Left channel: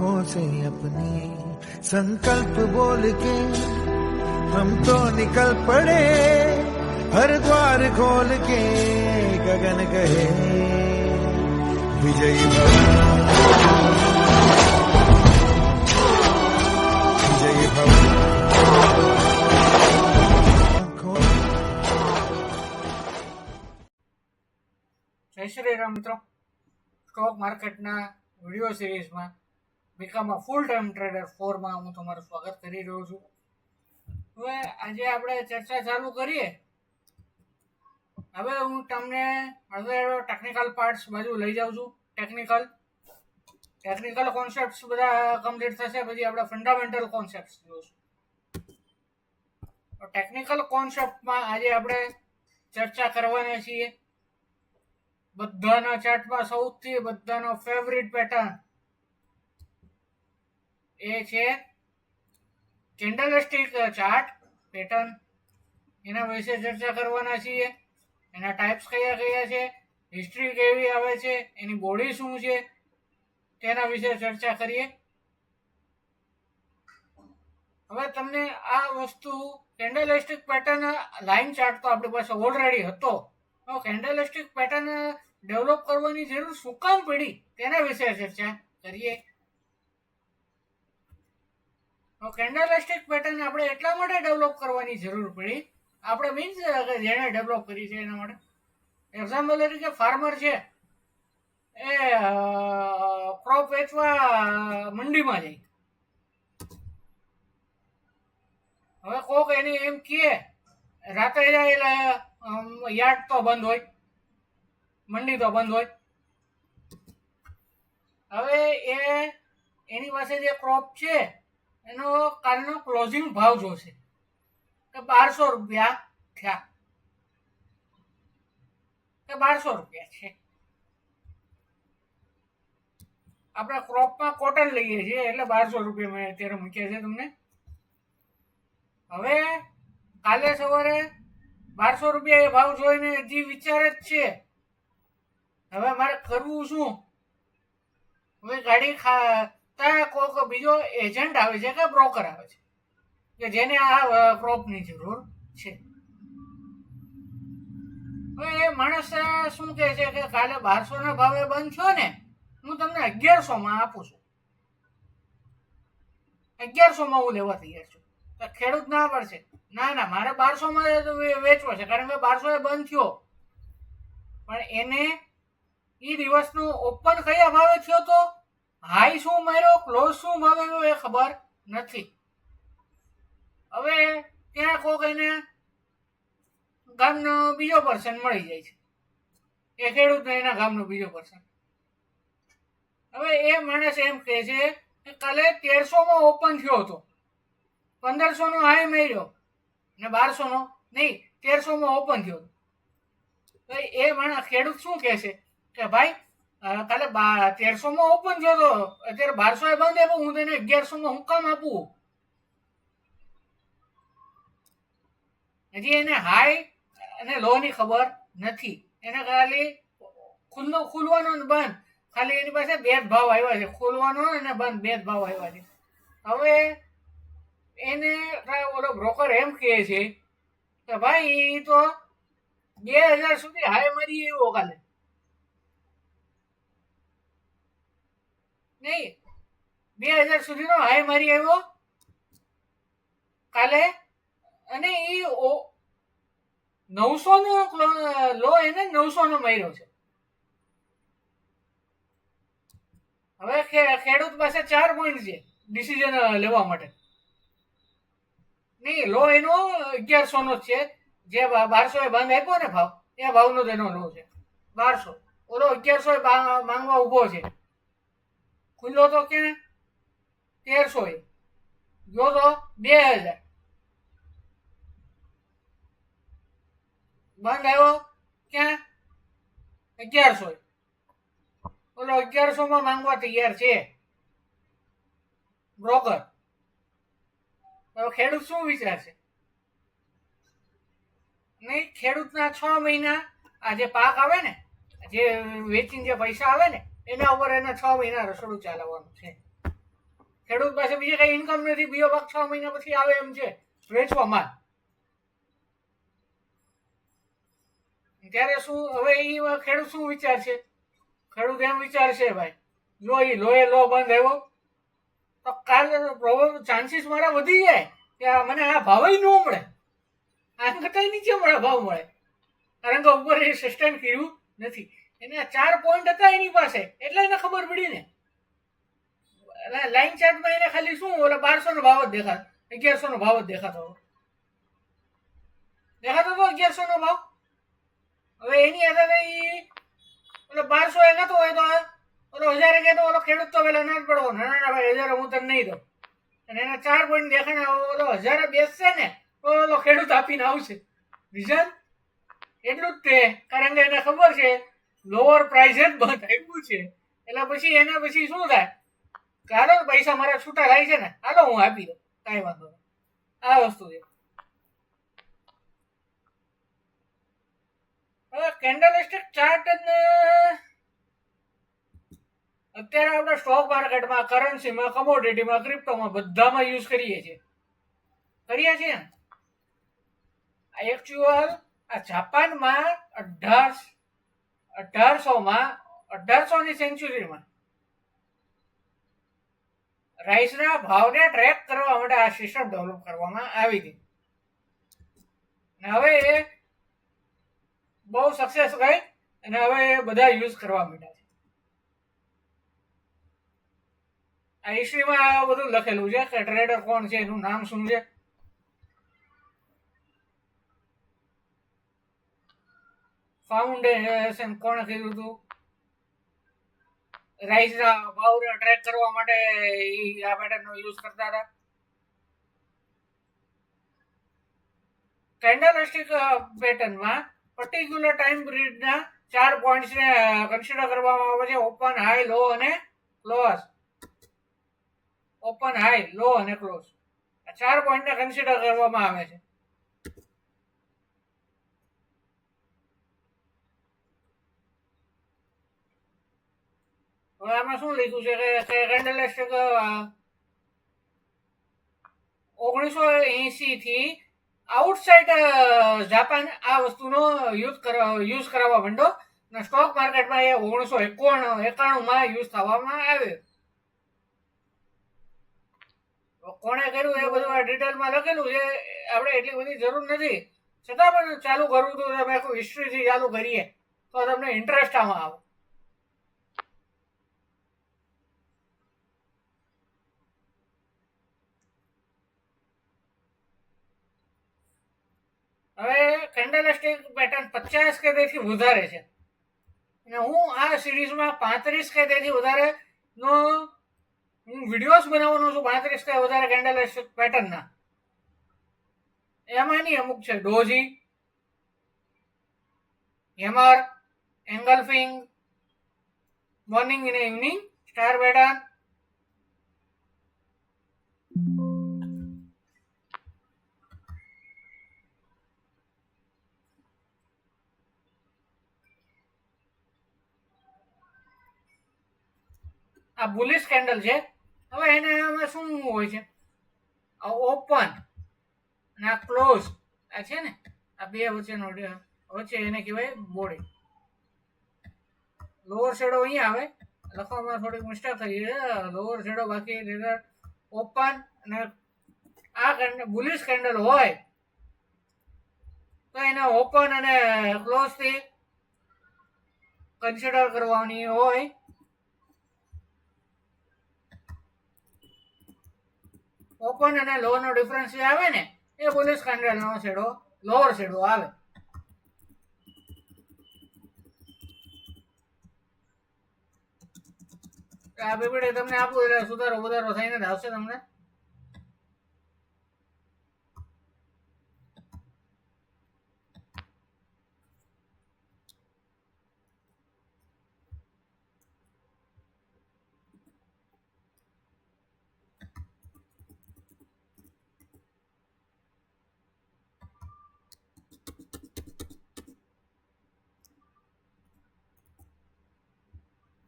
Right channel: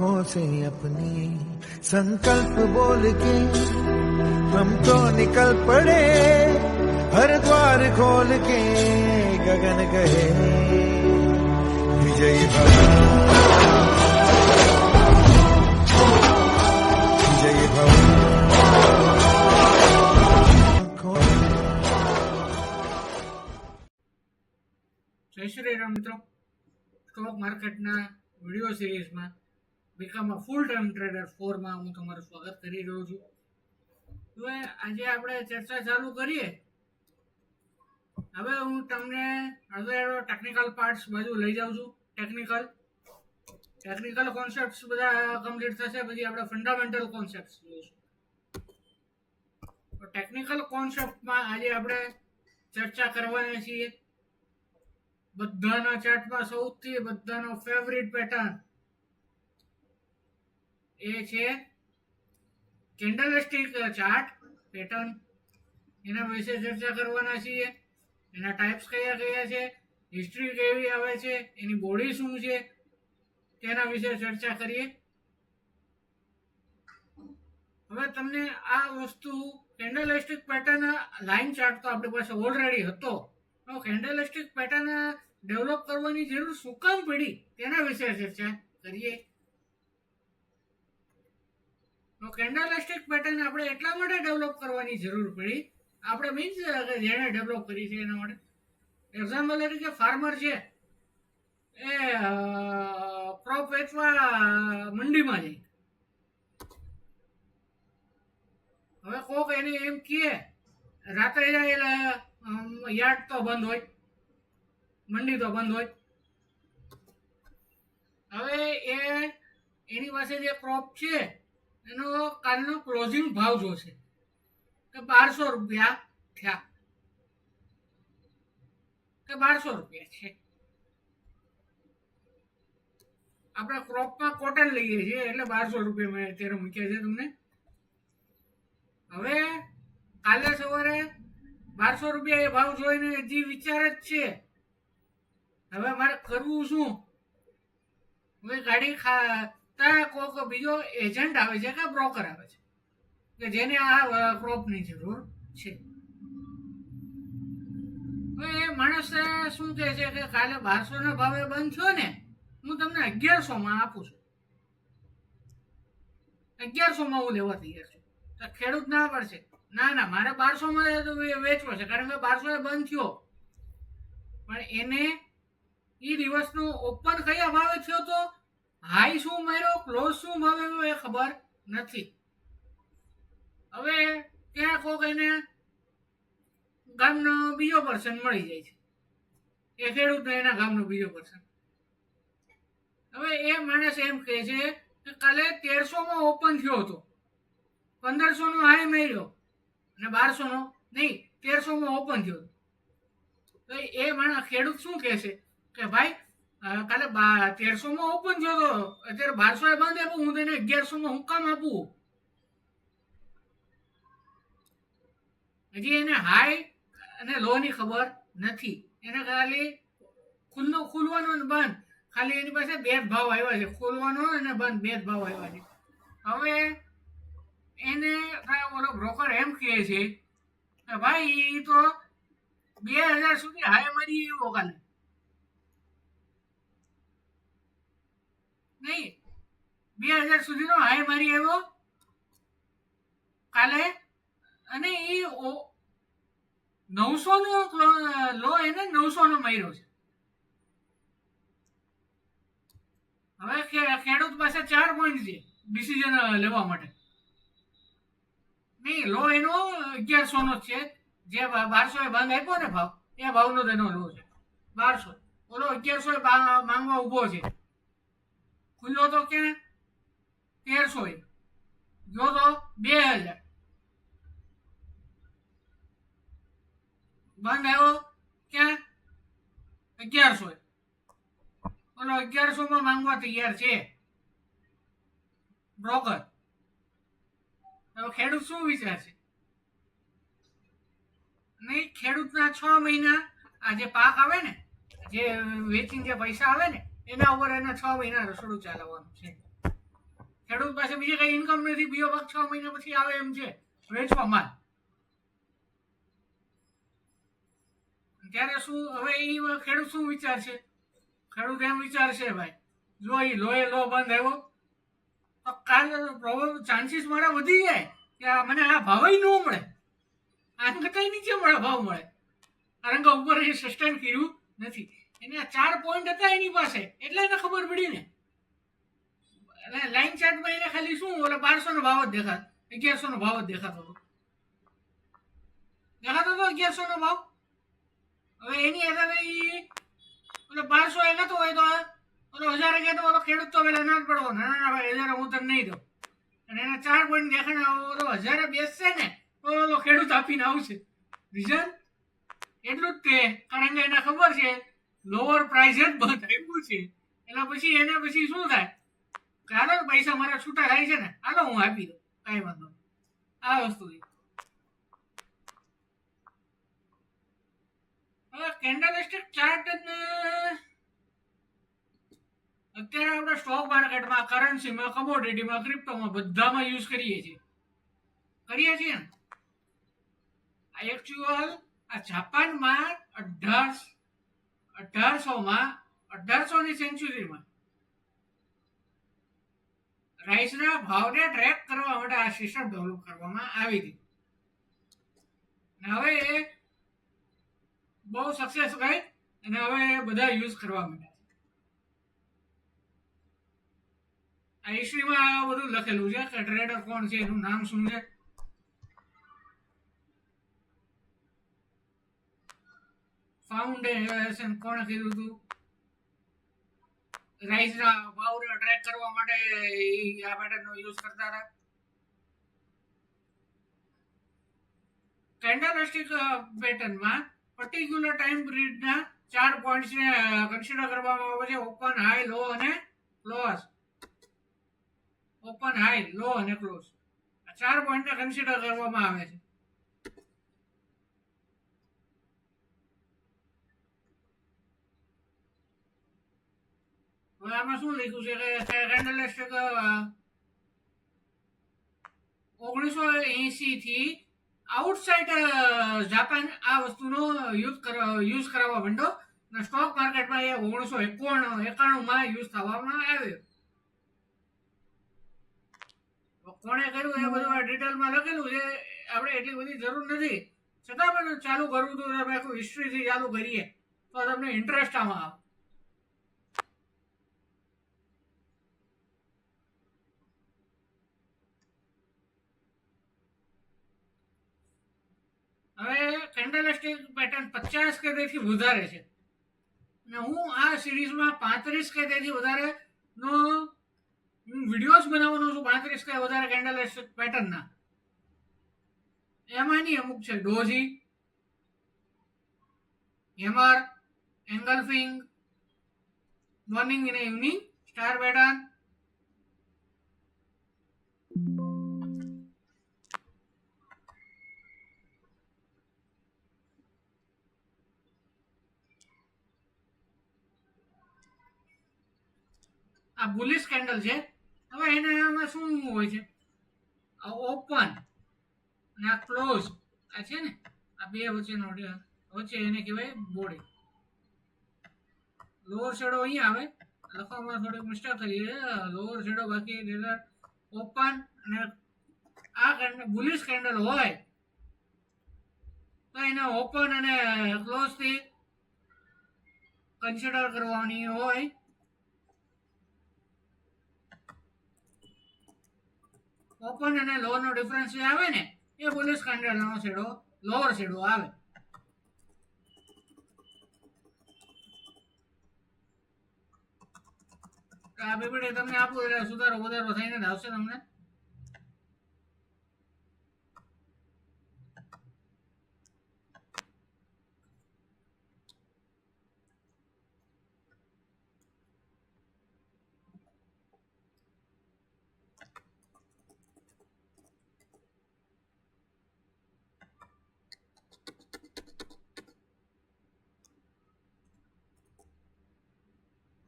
आंखों से अपनी संकल्प बोल के हम तो निकल पड़े हर द्वार खोल के गगन कहे विजयी भव विजयी भव। જય શ્રી રામ મિત્રો, સ્ટોક માર્કેટના વિડીયો સિરીઝમાં બીકામાં ફૂલ ટાઈમ ટ્રેડર 4માં હું તમારું સ્વાગત કરી રહ્યો છું। હવે આજે આપણે ચર્ચા ચાલુ કરીએ। હવે હું તમને હવે ટેકનિકલ પાર્ટ્સ બાજુ લઈ જાઉં છું। ટેકનિકલ કોન્સેપ્ટ્સ બધા કમ્પ્લીટ થશે પછી આપણે ફંડામેન્ટલ કોન્સેપ્ટ્સ જોઈશું। ટેકનિકલ કોન્સેપ્ટમાં આજે આપણે ચર્ચા કરવાના છીએ બધાના ચાર્ટમાં સૌથી બધાનો ફેવરિટ પેટર્ન એ છે કેન્ડલસ્ટિક ચાર્ટ પેટર્ન। એના વિશે ચર્ચા કરવાના છીએ। એના ટાઈપ્સ કયા કયા છે, હિસ્ટ્રી કેવી આવે છે, એની બોડી શું છે તેના વિશે ચર્ચા કરીએ। હવે તમને આ વસ્તુ કેન્ડલસ્ટિક પેટર્ન લાઇન ચાર્ટ તો આપણી પાસે ઓલરેડી હતો, કેન્ડલસ્ટિક પેટર્ન ડેવલપ કરવાની જરૂર શું કામ પડી તેના વિશે ચર્ચા કરીએ। કેન્ડલસ્ટિક પેટર્ન આપણે એટલા માટે ડેવલપ કરવાની જરૂર પડી, આપણે મીન્સ કે જેણે ડેવલપ કરી છે એના માટે। એક્ઝામ્પલ તરીકે ફાર્મર છે એ ક્રોપ વેચવા મંડીમાં જાય, હવે કોક એને એમ કહે રાતે જાય એટલે યાર્ડ તો બંધ હોય, મંડી તો બંધ હોય। હવે એની પાસે જે ક્રોપ છે એનો કાલનો ક્લોઝિંગ ભાવ જોશે કે 1200 રૂપિયા થયા કે 1200 રૂપિયા છે। આપણે ક્રોપમાં કોટન લઈએ છીએ એટલે 1200 રૂપિયા મેં અત્યારે મૂક્યા છે તમને। હવે કાલે સવારે 1200 રૂપિયા એ ભાવ જોઈને હજી વિચાર જ છે હવે મારે કરવું શું। હવે ગાડી ત્યાં કોઈક બીજો એજન્ટ આવે છે કે બ્રોકર આવે છે કે જેને આ ક્રોપની જરૂર છે। હવે એ માણસ શું કહે છે કે કાલે 1200 ના ભાવે બંધ થયો ને, હું તમને 1100 આપું છું, 1100 હું લેવા તૈયાર છું। તો ખેડૂત ના પડશે, ના મારે 1200 વેચવો છે કારણ કે 1200 બંધ થયો, પણ એને એ દિવસનો ઓપન કયા ભાવે થયો તો હાઈ શું માર્યો ક્લોઝ શું ભાવે એ ખબર નથી। હવે ત્યાં કોક એને ગામનો બીજો પર્સન મળી જાય છે, એ ખેડૂતને એના ગામનો બીજો પર્સન। હવે એ માણસ એમ કહે છે કે કાલે 1300 ઓપન થયો હતો, 1500 હાઈ માર્યો અને 1200 નહીં 1300 ઓપન થયો હતો। તો એ માણસ ખેડૂત શું કહે છે કે ભાઈ કાલે 1300 ઓપન થયો હતો, અત્યારે 1200 બંધ આપ્યો, હું તને 1100 હું કામ આપું। હજી એને હાઈ અને લો ની ખબર નથી, એને ખાલી ખુલવાનો ને બંધ ખાલી એની પાસે બે જ ભાવ આવ્યા છે, ખોલવાનો અને બંધ બે જ ભાવ આવ્યા છે। હવે એને ઓલો બ્રોકર એમ કહે છે કે ભાઈ એ તો 2000 સુધી હાઈ મારી એવો કાલે નહીં, 2000 સુધીનો હાઈ મારી આવ્યો કાલે, અને એ 900 નો લો એને 900 નો માર્યો છે। હવે ખેડૂત પાસે 4 પોઈન્ટ છે ડિસિઝન લેવા માટે, નહીં લો એનો 1100 નો છે, જે 1200 બંધ આપ્યો ને ભાવ એ ભાવનો તેનો લો છે 1200, ઓલો 1100 માંગવા ઉભો છે, ખુલ્લો તો ક્યાં 1300 ગયો તો 2000 બંધ આવ્યો ક્યાં 1100, ઓલો 1100 માંગવા તૈયાર છે બ્રોકર। હવે ખેડૂત શું વિચારશે, નહીં ખેડૂતના 6 મહિના આ જે પાક આવે ને, જે વેચીને જે પૈસા આવે ને એના ઉપર એના 6 મહિના રસોડું ચાલવાનું છે। ખેડૂત પાસે બીજી કઈ ઇન્કમ નથી, બીજો પાક 6 મહિના પછી આવે એમ છે વેચવા માલ. ત્યારે શું હવે એ ખેડૂત શું વિચારશે? ખેડૂત એમ વિચારશે ભાઈ જો એ લોહે લો બંધ આવ્યો તો કાલે ચાન્સીસ મારા વધી જાય કે મને આ ભાવ ન મળે, આમ કરતા નીચે મળે ભાવ મળે, કારણ કે ઉપર એ સસ્ટેન કર્યું નથી. એના 4 પોઈન્ટ હતા એની પાસે, એટલે એને ખબર પડી ને. લાઈન ચાર્ટમાં એને ખાલી શું ઓલા 1200 નો ભાવ જ દેખાતો, 1100 નો ભાવ જ દેખાતો હતો 1100 નો ભાવ. હવે એની આધારે એ ઓલો 1200 એ કહેતો હોય તો ઓલો 1000 કહેતો ઓલો ખેડૂત તો પેલા ના જ પડવો, ના ભાઈ 1000 હું તને નહીં દઉં. અને એના 4 પોઈન્ટ દેખાને ઓલો 1000 બેસશે ને તો ઓલો ખેડૂત આપીને આવશે. રીઝન એટલું જ તે, કારણ કે એને ખબર છે લોઅર પ્રાઇસ જ બંધ આપ્યું છે, એટલે પછી એને પછી શું થાય કે હાલો પૈસા મારા છૂટા થાય છે ને, હાલો હું આપી દઉં, કાંઈ વાંધો નહીં. આ વસ્તુ છે. હવે કેન્ડલસ્ટિક ચાર્ટ અત્યારે આપણે સ્ટોક માર્કેટમાં, કરન્સીમાં, કમોડિટીમાં, ક્રિપ્ટોમાં બધામાં યુઝ કરીએ છીએ ને. આ એકચ્યુઅલ આ જાપાનમાં 1800ની સેન્ચુરીમાં રાઈસના ભાવને ટ્રેક કરવા માટે આ સિસ્ટમ ડેવલપ કરવામાં આવી હતી. હવે એ બહુ સક્સેસ ગઈ અને હવે એ બધા યુઝ કરવા માંડ્યા છે. આ હિસ્ટ્રીમાં આ બધું લખેલું છે કે ટ્રેડર કોણ છે, એનું નામ શું છે. ફાઉન્ડેશન કોણે કીધું હતું, રાઈસના ભાવને ટ્રેક કરવા માટે આ પેટર્નનો યુઝ કરતા હતા. કેન્ડલસ્ટિક પેટર્નમાં પર્ટિક્યુલર ટાઈમ પીરિયડના 4 પોઈન્ટ્સને કન્સિડર કરવામાં આવે છે: ઓપન, હાઈ, લો અને ક્લોઝ. ઓપન, હાઈ, લો અને ક્લોઝ, આ 4 પોઈન્ટને કન્સિડર કરવામાં આવે છે. હવે આમાં શું લખ્યું છે કે કેન્ડલસ્ટિક 1980 થી આઉટસાઇડ જાપાન આ વસ્તુનો યુઝ કરાવવા માંડ્યો અને સ્ટોક માર્કેટમાં એ 1991માં યુઝ થવામાં આવ્યો. કોણે કર્યું એ બધું આ ડિટેલમાં લખેલું છે, આપણે એટલી બધી જરૂર નથી, છતાં પણ ચાલુ કરવું તો તમે આખું હિસ્ટ્રીથી ચાલુ કરીએ તો તમને ઇન્ટરેસ્ટ આમાં આવે. હવે કેન્ડલસ્ટિક પેટર્ન 50 કે તેથી વધારે છે અને હું આ સિરીઝમાં 35 કે તેથી વધારે નો હું વિડીયોઝ બનાવવાનો છું. 35 કે વધારે કેન્ડલસ્ટિક પેટર્નના. એમાંની અમુક છે ડોજી, હેમર, એંગલ્ફિંગ, મોર્નિંગ અને ઇવનિંગ સ્ટાર પેટર્ન, આ બુલિશ કેન્ડલ છે. હવે એનામાં શું હોય છે, આ ઓપન અને આ ક્લોઝ, આ છે ને આ બે વચ્ચેનો વચ્ચે એને કહેવાય બોડી. લોઅર શેડો અહીંયા આવે, લખવામાં થોડીક મિસ્ટેક થઈ છે. લોઅર શેડો બાકી ઓપન અને આ બુલિશ કેન્ડલ હોય તો એને ઓપન અને ક્લોઝ થી કન્સિડર કરવાની હોય. ઓપન અને લો નો ડિફરન્સ જે આવે ને એ બુલિશ કેન્ડલ નો શેડો લોઅર શેડો આવે. આ પીપીટી તમને આપું એટલે સુધારો વધારો થઈને જ આવશે તમને.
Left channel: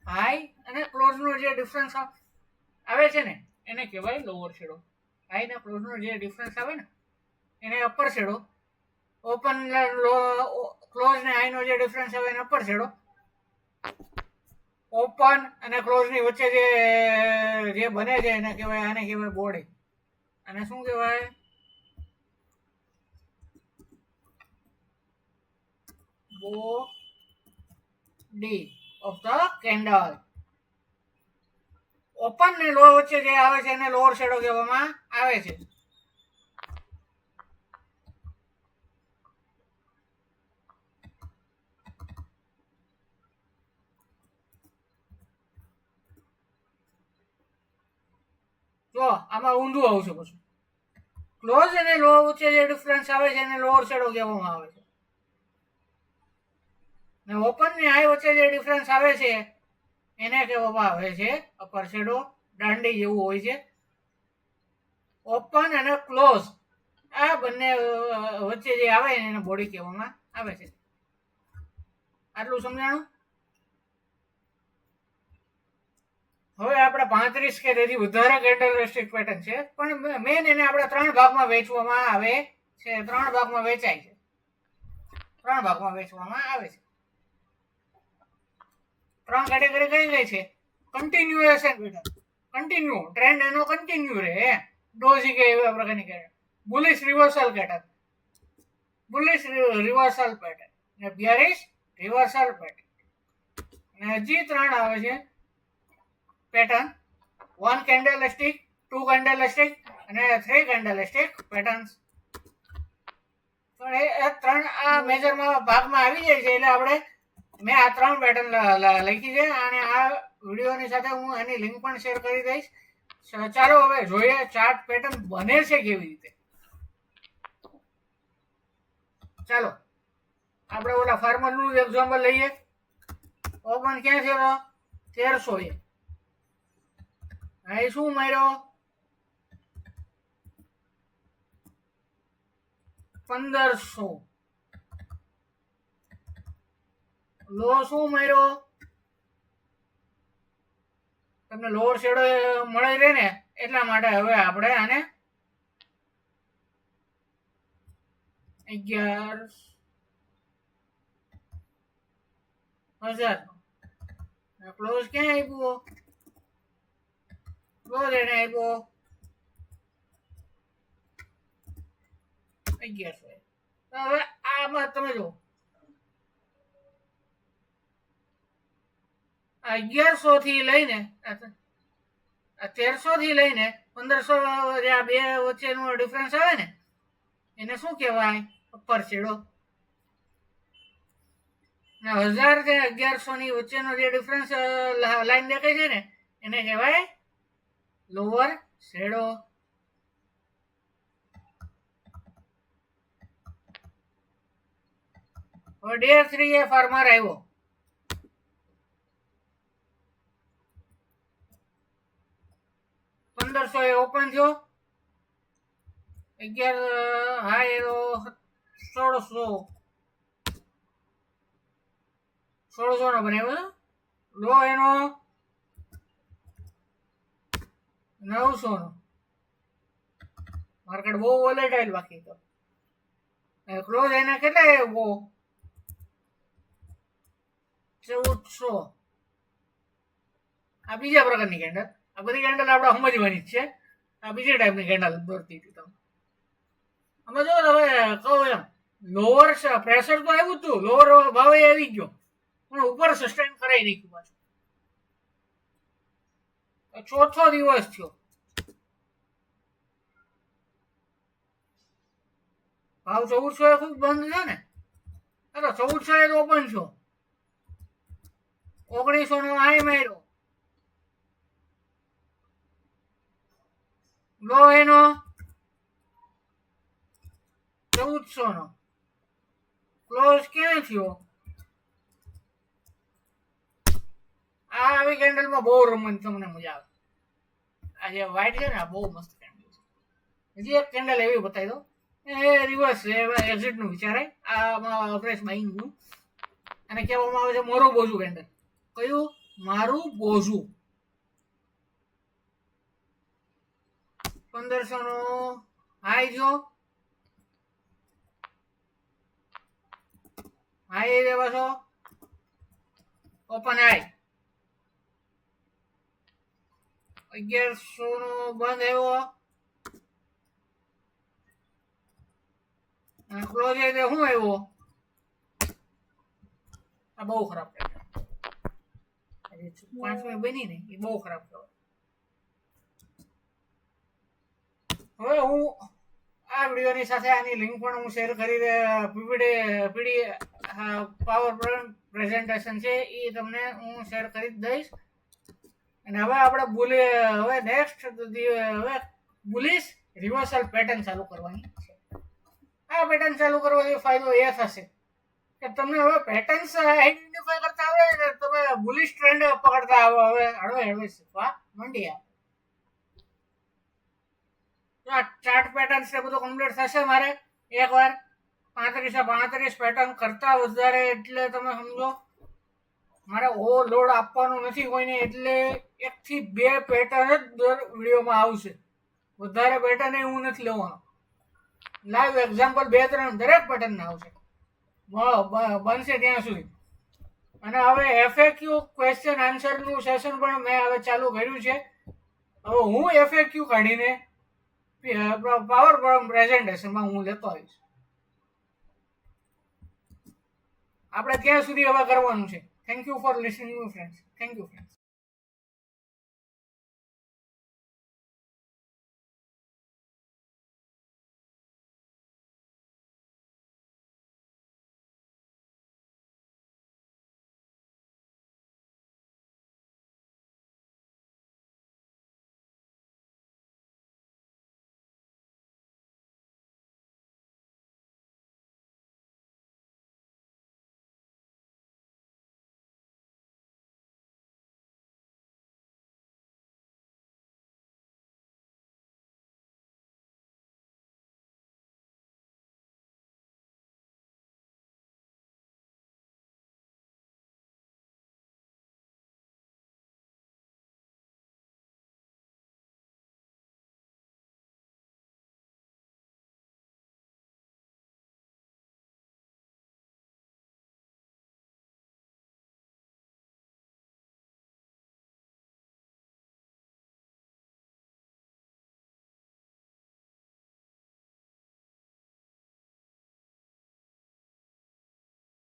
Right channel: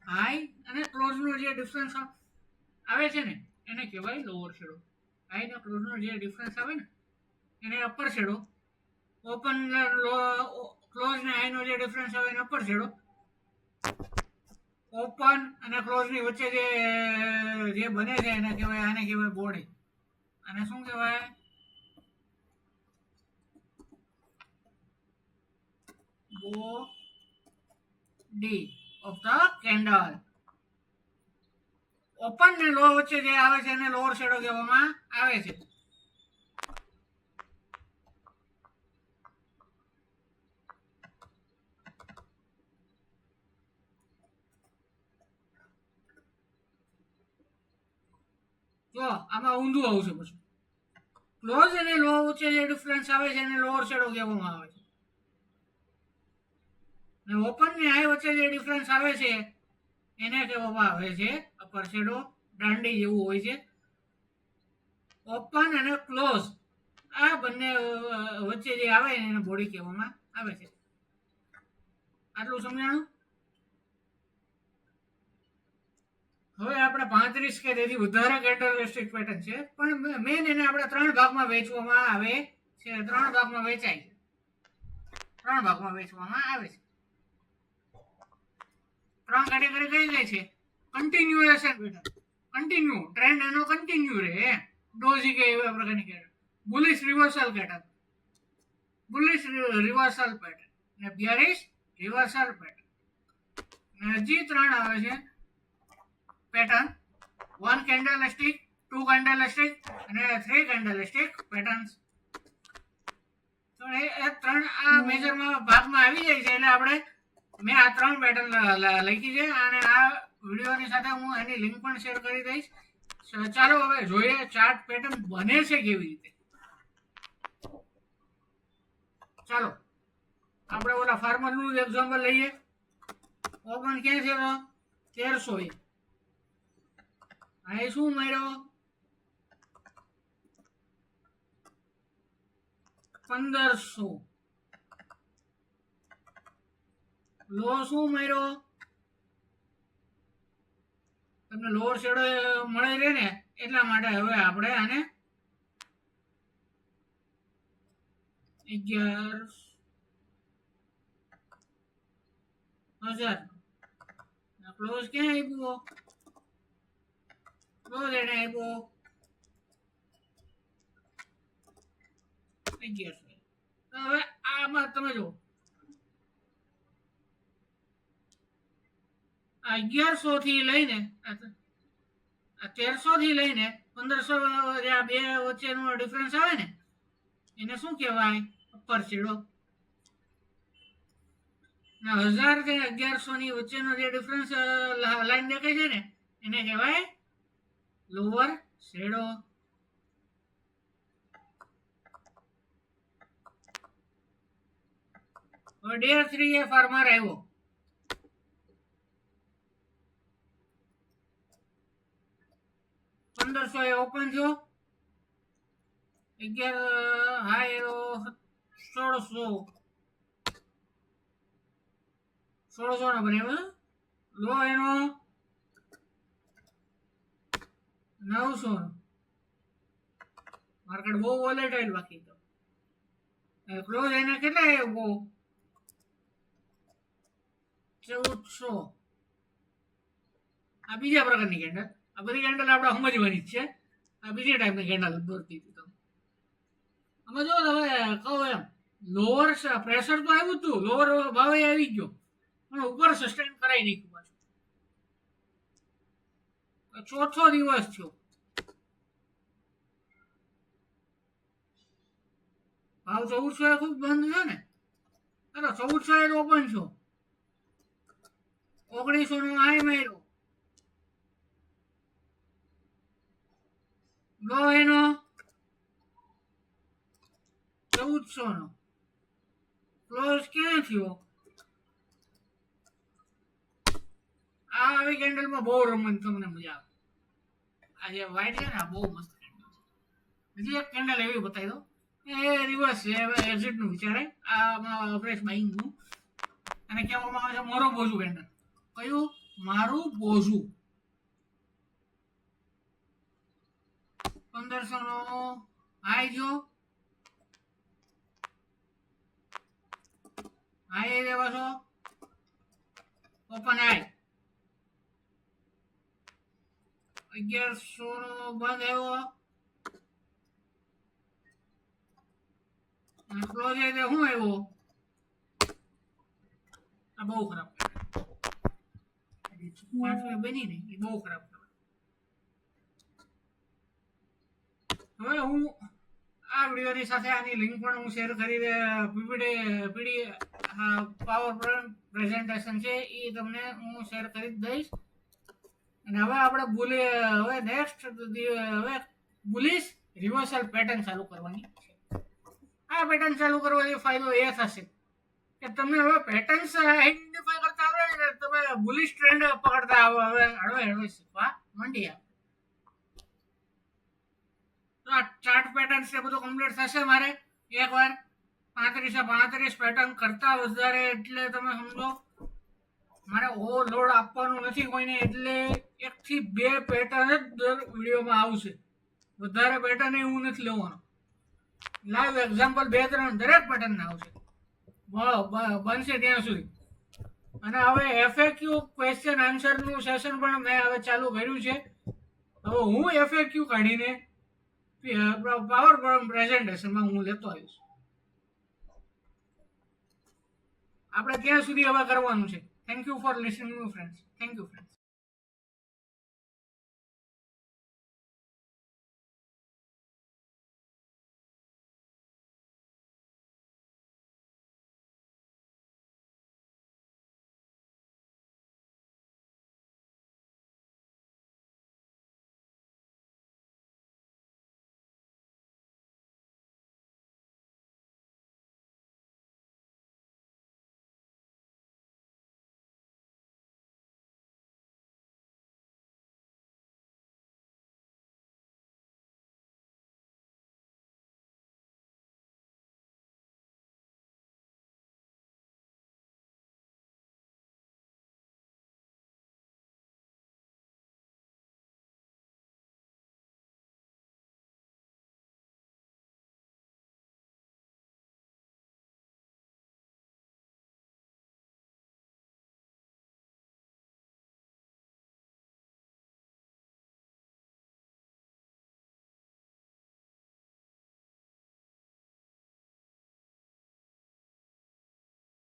હાઈ અને ક્લોઝ નો જે ડિફરન્સ આવે છે ને એને કહેવાય લોઅર શેડો. હાઈ ને ક્લોઝ નો જે ડિફરન્સ આવે ને એને અપર શેડો. ઓપન ક્લોઝ ને હાઈ નો જે ડિફરન્સ આવે એને અપર શેડો. ઓપન અને ક્લોઝ ની વચ્ચે જે બને છે એને કહેવાય, આને કહેવાય બોડી. અને શું કહેવાય? Body of the candle. Open ને લો વચ્ચે જે આવે છે એને લોઅર શેડો કહેવામાં આવે છે. જો આમાં ઊંધું આવશે પછી. ક્લોઝ અને લો વચ્ચે જે ડિફરન્સ આવે છે એને લોઅર શેડો કહેવામાં આવે છે. ને ઓપન ને હાઈ વચ્ચે જે ડિફરન્સ આવે છે એને કહેવામાં આવે છે અપર શેડો. દાંડી જેવું હોય છે. ઓપન અને ક્લોઝ આ બંને વચ્ચે જે આવે એને બોડી કહેવામાં આવે છે. આટલું સમજાણું? હવે આપણે 35 કે તેથી વધારે કેન્ડલસ્ટિક પેટર્ન છે, પણ મેન એને આપણે 3 ભાગમાં વેચવામાં આવે છે. 3 ભાગમાં વેચાય છે. 3 ભાગમાં વેચવામાં આવે છે. 3 કેટેગરી કઈ કઈ છે? કન્ટિન્યુએશન પેટર્ન, કન્ટિન્યુ ટ્રેન્ડ એનો કન્ટિન્યુ રહે. ડોઝી કે એવા પ્રકારની pattern. Bullish reversal pattern, bullish reversal pattern ને બેરિશ રિવર્સલ પેટર્ન. અને હજી 3 આવે છે પેટર્ન: 1 કેન્ડલસ્ટિક, 2 કેન્ડલસ્ટિક અને 3 કેન્ડલસ્ટિક પેટર્ન્સ. તો એ 3 આ મેજરમાં ભાગમાં આવી જાય છે. એટલે આપણે મેં આ 3 પેટર્ન લખી છે અને આ વિડીયોની સાથે હું એની લિંક પણ શેર કરી દઈશ. ચાલો હવે જોઈએ ચાર્ટ પેટર્ન બને છે કેવી રીતે. ચાલો આપણે ઓલા ફાર્મરનું એક્ઝામ્પલ લઈએ. ઓપન ક્યાં છે? 1300. હાઈ શું માર્યો? 1500. લો શું માર્યો? તમને લોઅર શેડો મળી રહે ને એટલા માટે હવે આપણે આને 11,000 ક્લોઝ ક્યાં આપ્યો? ક્લોઝ એને આપ્યો 1100. તો હવે આમાં તમે જો 1100 થી લઈને 1300 થી લઈને 1500 જે આ બે વચ્ચેનો ડિફરન્સ આવે ને એને શું કહેવાય? Upper shadow. ને 1000 થી 1100 ની વચ્ચેનો જે ડિફરન્સ લાઈન દેખાય છે ને એને કહેવાય લોઅર શેડો. હવે ડે 3 એ ફાર્મર આવ્યો. 1500 એ ઓપન થયો. 11 હાઈ એનો 1600 નો બનાવ્યો. લો એનો 900 નો. માર્કેટ બહુ વોલેટાઇલ બાકી તો. ક્લોઝ એને કેટલા આવ્યો? 1400. આ બીજા પ્રકારની કેન્ડલ. આ બધી કેન્ડલ આપણે સમજવાની જ છે. આ બીજી ટાઈપની કેન્ડલ દોરતી હતી તમે. અમે જો હવે કહું એમ લોઅર પ્રેશર તો આવ્યું હતું, લોઅર ભાવે આવી ગયો પણ ઉપર સસ્ટેન કરાવી નાખ્યું પાછું. ચોથો દિવસ થયો. ભાવ 1400 ખૂબ બંધ છે ને. અરે 1400 ઓપન છો. 1900 નો હાઈ માર્યો. લો એનો 1400 નો. ક્લોઝ ક્યાં થયો? આ આવી કેન્ડલમાં બહુ રમવાની તમને મજા આવે. આ જે વ્હાઈટ છે ને આ બહુ મસ્ત કેન્ડલ છે. હજી એક કેન્ડલ એવી બતાવી દો. એ રિવર્સ છે, એક્ઝિટ નું વિચારાય. આમાં અવરેજ બાઇંગ નું અને કહેવામાં આવે છે મોરો બોઝુ કેન્ડલ. કયું? મારું બોઝુ. 1500 નો હાઈ જો હાઈ દે પાછો ઓપન હાઈ 1100 નો બંધ આવ્યો અને ક્લોઝ આવી દે શું આવ્યો આ બહુ ખરાબ કહેવાય 5 બની ને એ બહુ ખરાબ કહેવાય હવે હું આ વિડીયોની સાથે આની લિંક પણ હું શેર કરી પીડી પાવર પ્રેઝન્ટેશન છે એ તમને હું શેર કરી દઈશ અને હવે આપણે હવે નેક્સ્ટ હવે બુલિશ રિવર્સલ પેટર્ન ચાલુ કરવાની છે આ પેટર્ન ચાલુ કરવાથી ફાયદો એ થશે કે તમને હવે પેટર્ન્સ આઈડેન્ટિફાઈ કરતા આવડે તમે બુલિશ ટ્રેન્ડ પકડતા હવે હળવે શીખવા માંડી આપણે આ ચાર્ટ પેટર્ન છે બધું કમ્પ્લીટ થશે મારે એકવાર 35 પેટર્ન કરતા વધારે એટલે તમે સમજો મારે લોડ આપવાનું નથી કોઈને એટલે 1 થી 2 પેટર્ન જ દર વિડીયોમાં આવશે વધારે પેટર્ન એવું નથી લેવાનો લાઈવ એક્ઝામ્પલ 2-3 દરેક પેટર્ન આવશે બનશે ત્યાં સુધી અને હવે એફએક્યુ ક્વેશ્ચન આન્સરનું સેશન પણ મેં હવે ચાલુ કર્યું છે હવે હું એફએક્યુ કાઢીને પાવર પ્રેઝન્ટેશનમાં હું લેતો આવીશ આપણે ત્યાં સુધી હવે કરવાનું છે thank you for listening friends thank you friends